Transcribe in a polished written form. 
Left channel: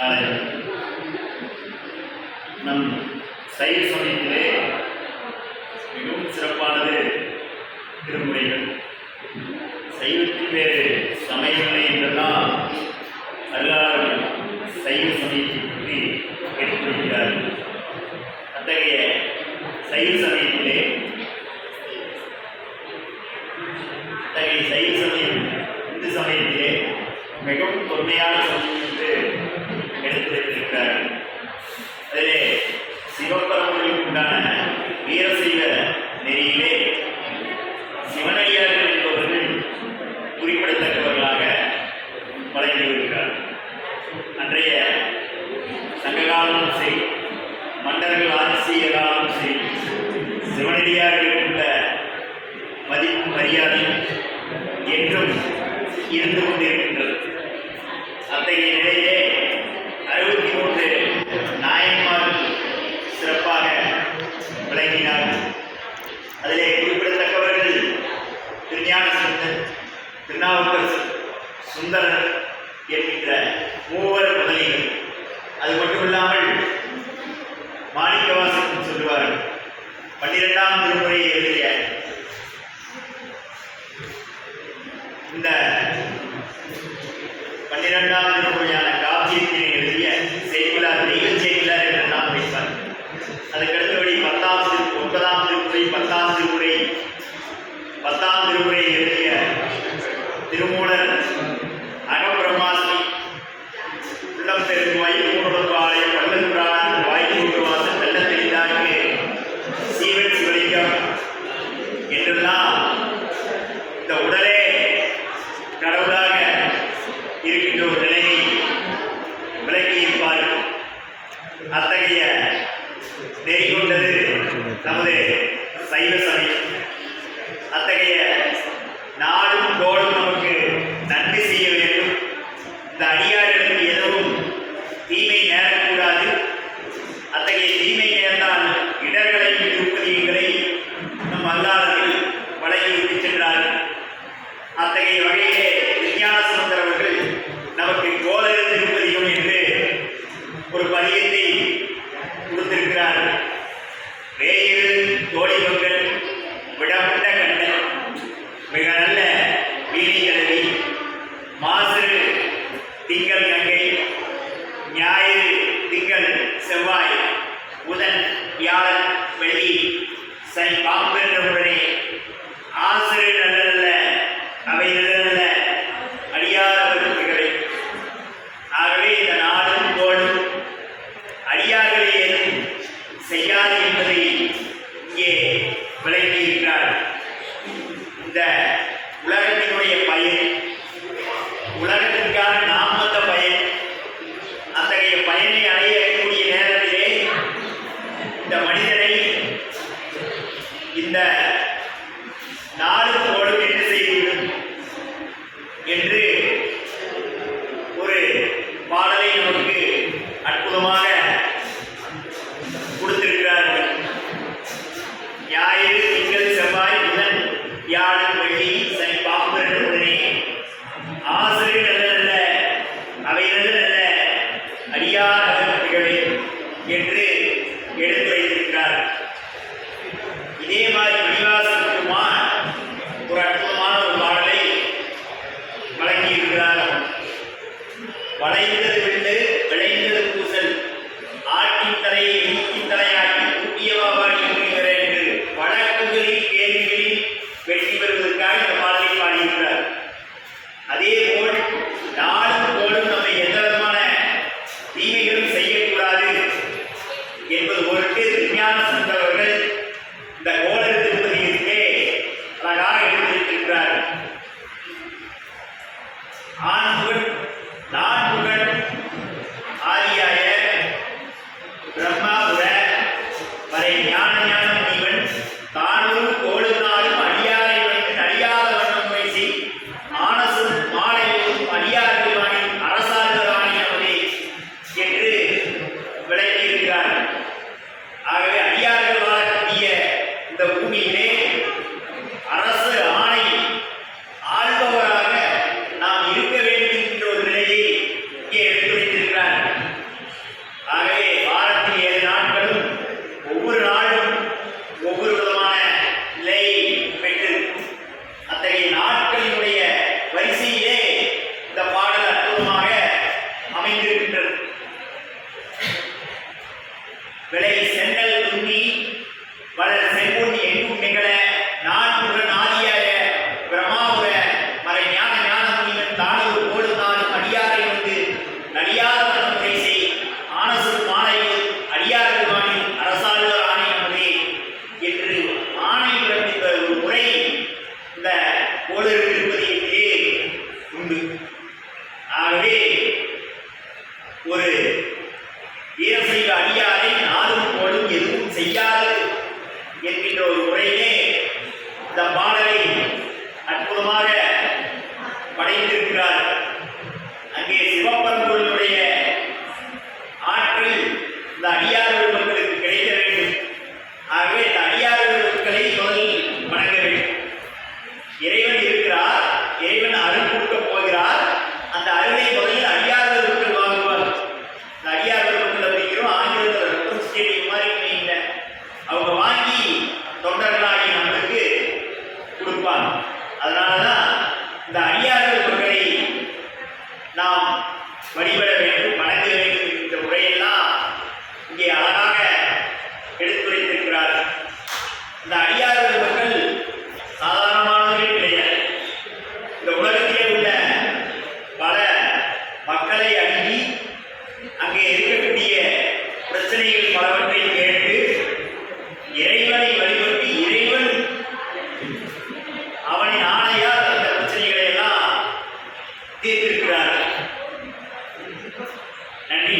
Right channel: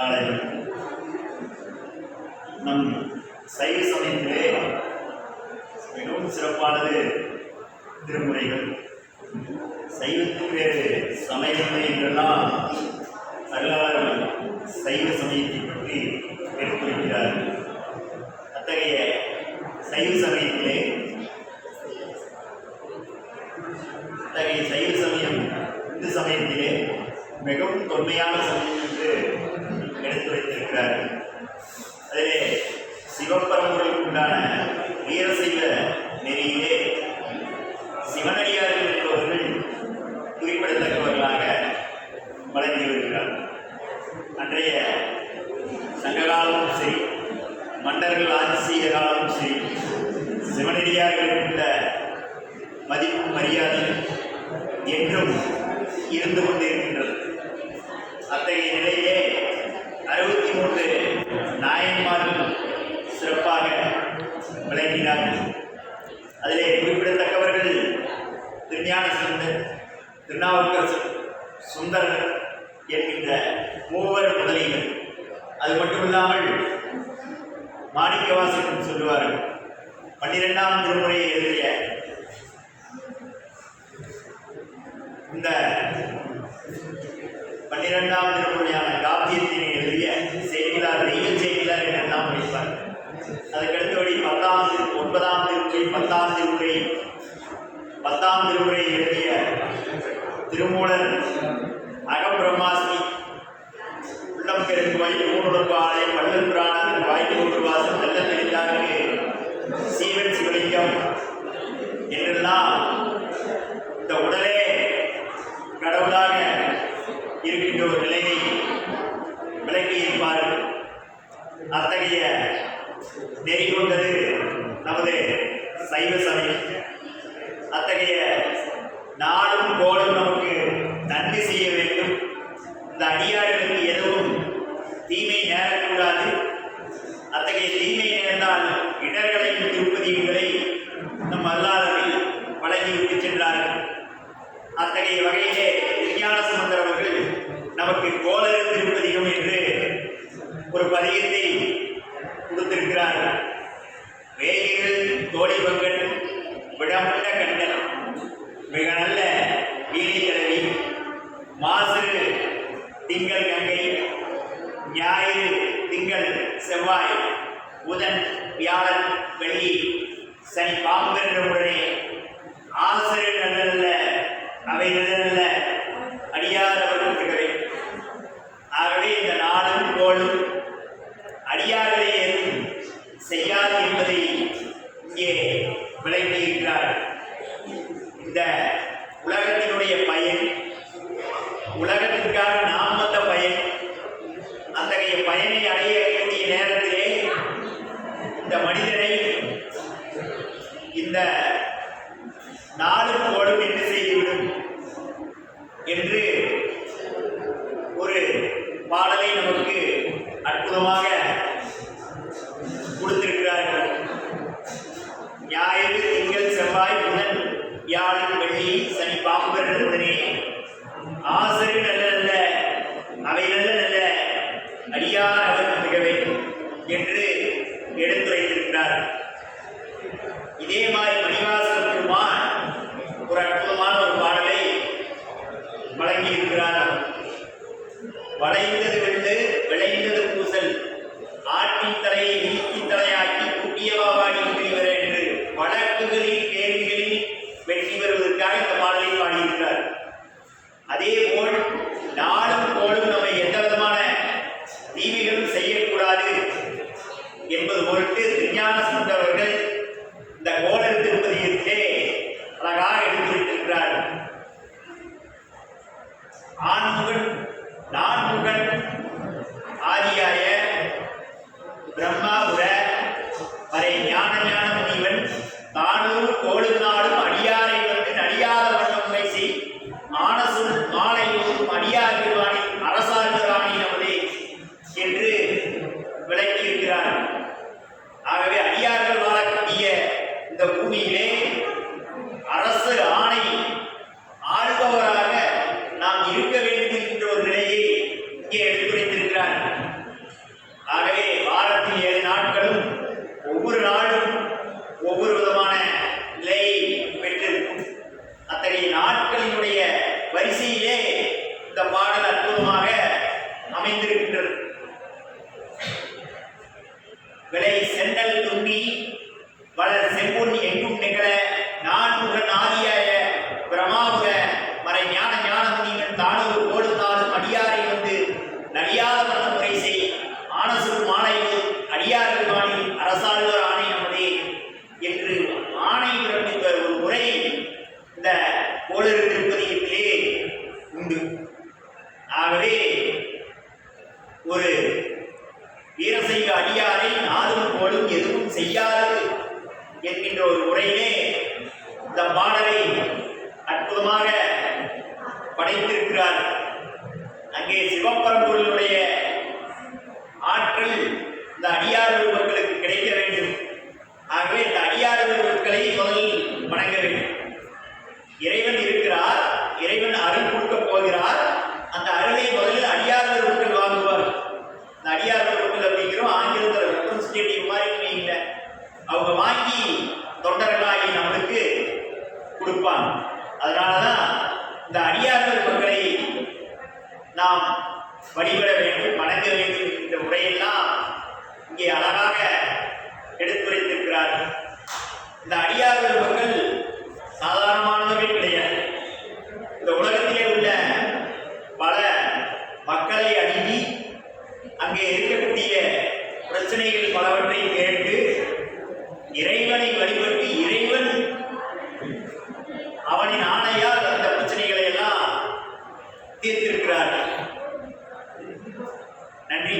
காலையில் நம் சைவ சமயத்திலே மிகவும் சிறப்பானது திருமுறைகள். சைவத்தில் வேறு சமயங்களை என்றெல்லாம் அருளாளர்கள் சைவ சமயத்தை பற்றி எடுத்துரைக்கிறார்கள். அத்தகைய சைவ சமயத்திலே சைவ சமயம் இந்து சமயத்திலே மிகவும் தொன்மையான சமயம் என்று எடுத்துரைத்திருக்கிறார்கள். அதிலே சிவபரம்பரைக்கு உண்டான வீரசைவ நெறியிலே சிவனடியார்கள் என்பவர்கள் குறிப்பிடத்தக்கவர்களாக வழங்கி வருகிறார்கள். அன்றைய சங்ககாலமும் சரி, மன்னர்கள் ஆட்சி செய்த காலமும் சரி, சிவனடியார்களுக்கு உள்ள மதிப்பு மரியாதை என்றும் இருந்து கொண்டிருக்கின்றது. அத்தகைய நிலையிலே 63 நாயன்மார்கள் சிறப்பாக விளங்கினார்கள். அதிலே குறிப்பிடத்தக்கவர்கள் திருஞான சம்பந்தர், திருநாவுக்கரசர், சுந்தரர் என்கின்ற மூவர் முதலிகள். அது மட்டுமில்லாமல் மாணிக்கவாசகன் சொல்லுவார்கள், 12ஆம் திருமுறையை எழுதிய இந்த 12ஆம் திருமுறையான காப்பியத்தினை எழுதிய செய்தியார் தெய்வ செய்தியார் என்றெல்லாம் வைப்பார். அதுக்கடுத்தபடி 9ஆம் திருமுறை, 10ஆம் திருமுறை, 10ஆம் திருமுறை எழுதிய திருமூலர் அகம்பிரம்மாஸ்மி, உள்ளம் பெருங்குவாய், மூணுலகு ஆலயம், வள்ளல் பிராணன், வாய்ப்பு வாசம், வெள்ள தெரிந்தாருக்கு, சீவன் சிவலிங்கம் என்றெல்லாம் இந்த உடலே கடவுளாக இருக்கின்ற ஒரு நிலையை விளக்கியிருப்பார்கள். அத்தகைய நெறி கொண்டது நமது சைவ சமயம். அத்தகைய நாடும் கோடும் நமக்கு நன்மை செய்ய வேண்டும். இந்த அடியார்களுக்கு எதுவும் தீமை நேரக்கூடாது. அத்தகைய தீமை நேர்ந்தால் இடர்களையும் திருப்பதிகளை நம் அல்லாதவர்கள் வழங்கி விட்டு சென்றார்கள். அத்தகைய வகையிலே விஞ்ஞான சம்பந்தர் அவர்கள் நமக்கு கோளறு திருப்பதிகம் என்று ஒரு பதியத்தை கொடுத்திருக்கிறார்கள். வேயிறு தோழிபங்கன், விடமுண்ட கண்ணன், மிக நல்ல வீணி கிழவி, மாசிறு திங்கள் கங்கை, ஞாயிறு திங்கள் செவ்வாய், புதன் வியாழன் வெள்ளி சனி பாம்பென்ற உடனே ஆசிரியர் நல்ல அவை நல்ல அடியாரவர்களே. ஆகவே இந்த நாடும் கோடும் அடியார்களை ஏதும் செய்யாது என்பதை இங்கே விளங்கியிருக்கிறார். இந்த உலகத்தினுடைய பயன், உலகத்திற்கான நாம் வந்த பயன், அத்தகைய பயனை அடையக்கூடிய நேரத்திலே இந்த மனிதனை இந்த நாடும் கோடும் என்ன செய்துவிடும் என்று ஒரு பாடலை நமக்கு அற்புதமாக கொடுத்திருக்கிறார்கள். ஞாயிறு திங்கள் செவ்வாய் புதன் வியாழன் வெள்ளி சனி பாம்பு உடனே ஆசிரியர் நல்ல நல்ல அவை நல்ல நல்ல அடியார் அவர்களே என்று எடுத்துரைத்திருக்கிறார். இதே மாதிரி மணிவாசன் பெருமான் ஒரு அற்புதமான ஒரு பாடலை வழங்கியிருக்கிறார்கள். வளைந்தது விழுந்து விளைந்தது பூசல், ஆட்டின் தலையை நீத்தின் தலையாக்கி குட்டியவாபாடி என்று வழக்குகளில் கேள்விகளில் வெற்றி பெறுவதற்காக இந்த பாடலை பாடியிருக்கிறார். அதேபோல் நாளும் கோளும் நம்மை எந்த விதமான தீமைகளும் செய்யக்கூடாது என்பது பொருட்டு விஞ்ஞான சம்பந்தவர்கள் இந்த கோளறு திருப்பதியிலே அழகாக எடுத்துரைத்திருக்கிறார். ஆண்முகன் நான்முகன் ஆதியாய பிரம்மாபுர அற்புதமாக அமைந்திருக்கின்றது. விளை சென்னல் தும்பி வளர் செம்பொன் எங்கும் நிகழ நான்முக நாதியாய பிரமாபுர மறை ஞான ஞான முனிவன் தானூர் கோடு நாளும் அடியாரை வந்து நடியாத மனமுறை செய் ஆனசுர் மாலையில் அடியார்கள் வாணில் அரசாழ்வர் ஆணை நமதே என்று ஆணை பிறப்பித்த ஒரு முறை இந்த கோளருக்கு இருப்பதிலே உண்டு. ஆகவே ஒரு வீரசைவ அடியாரை நாளும் போலும் எதுவும் செய்யாது என்கின்ற ஒரு முறையிலே இந்த பாடலை அற்புதமாக படைத்திருக்கிறார். அங்கே சிவப்பரம்பொருளுடைய ஆற்றல் இந்த அடியார்கள் மக்களுக்கு கிடைக்க வேண்டும். ஆகவே இந்த அடியார்கள் மக்களை முதலில் வணங்க வேண்டும். இறைவன் இருக்கிறார், இறைவன் அருள் கொடுக்கப் போகிறார். அந்த அருளை முதலில் அடியார்கள் மக்கள் வாங்குவார். இந்த அடியார்கள் மக்கள் அப்படிங்கிறோம் ஆங்கிலத்தில் ஸ்டேடியம் மாதிரி இல்லை, அவங்க வாங்கி தொண்டர்களாகி நம்மளுக்கு கொடுப்பாங்க. அதனால தான் இந்த அடியார்கள் மக்களை நாம் வழிபட வேண்டும், வணங்க வேண்டும் என்ற முறையெல்லாம் இங்கே அழகாக எடுத்துரைத்திருக்கிறார். இந்த அடியார்கள் மக்கள் சாதாரணமானவர்கள் கிடையாது. இந்த உலகத்திலே உள்ள பல மக்களை அணுகி அங்கே இருக்கக்கூடிய பிரச்சனைகள் பலவற்றை கேட்டு இறைவனை வழிபட்டு இறைவன் அவனின் ஆணையால் அந்த பிரச்சனைகளை எல்லாம் தீர்த்திருக்கிறார்கள். நன்றி.